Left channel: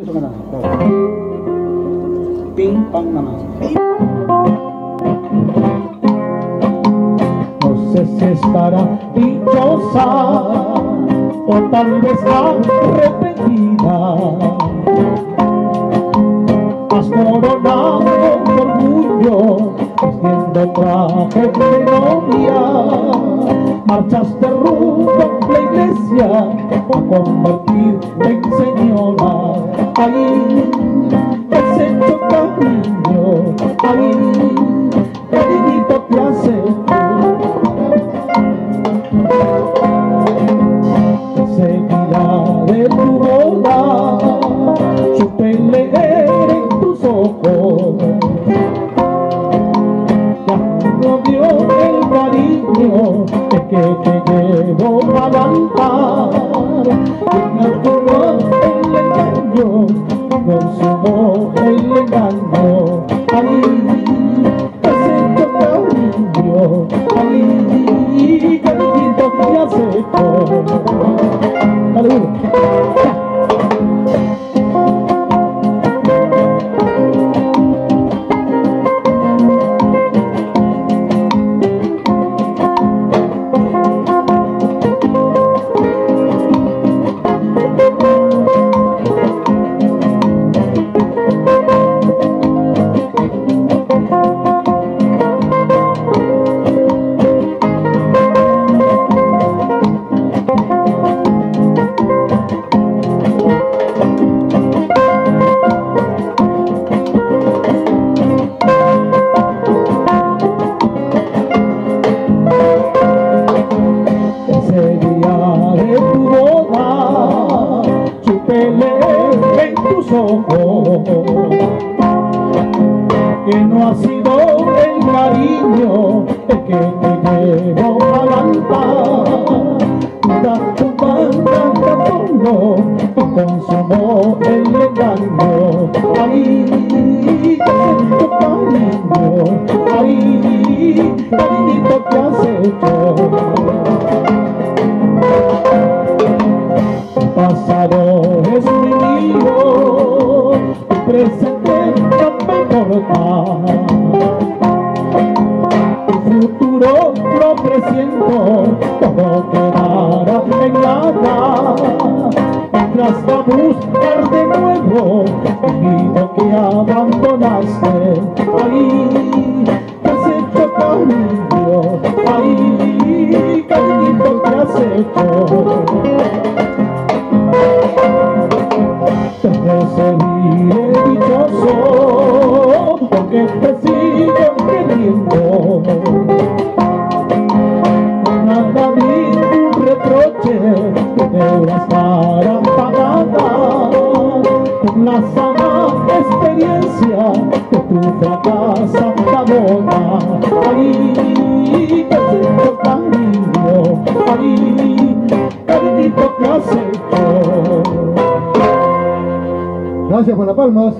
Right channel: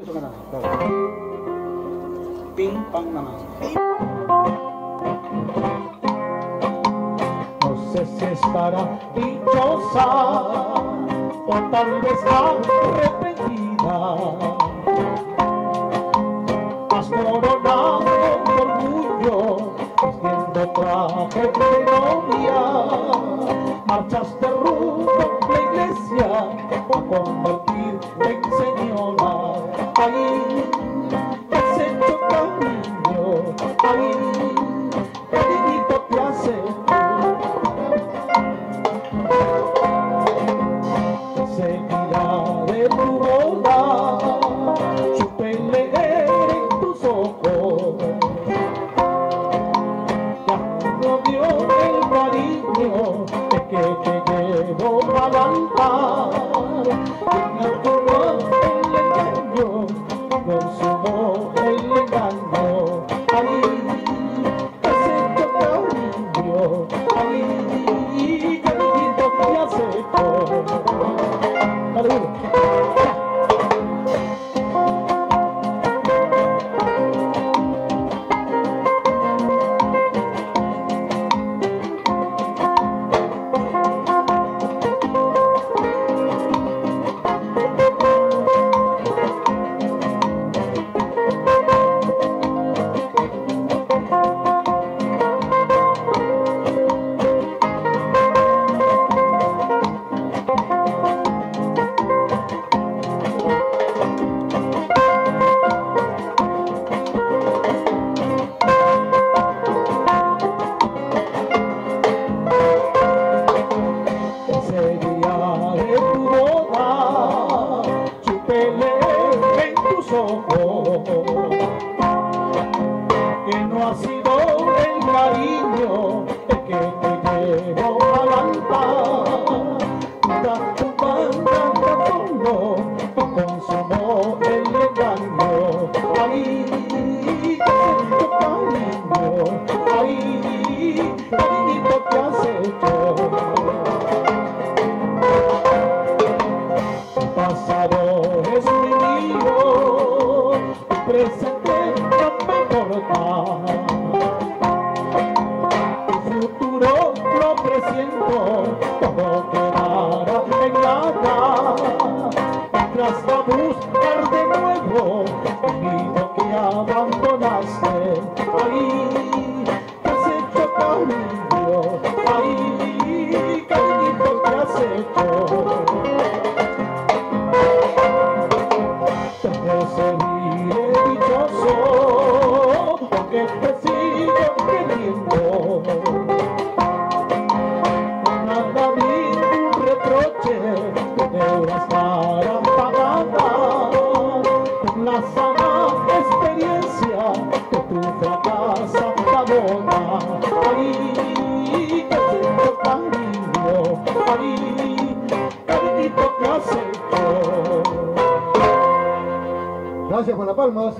Eso que nada. Ping, pang, nada más. No sé si estará dichosa o tal vez arrepentida. Has coronado tu orgullo vistiendo traje de novia. Marchaste rumbo a la iglesia a convertirte en señora. Ahí has hecho cariño, ahí cariñito te hace tú. Seguirá de tu boda, supe leer en tus ojos. Ya no dio el cariño que te llevo a levantar. En el engaño, consumó el engaño. Ahí has hecho cariño, ahí cariñito te hace tú. En tus ojos que no ha sido el cariño el que te llevo a levantar. Mira tu banda de fondo consumó el engaño. Ahí te siento cariño, ahí cariñito te has hecho. Pasado es mi hijo, tu presente no me importa. Tu futuro lo presiento, todo quedará en nada. Mientras va a buscar de nuevo el nido que abandonaste. Ahí te has hecho cariño, ahí cariñito te has hecho. Te seguiré dichoso porque te sigo queriendo. Nada ni un reproche que deudas para pagar. Con la sana experiencia que tu fracasa la boda. Ahí te siento cariño, ahí cariñito te has hecho. Gracias por las palmas.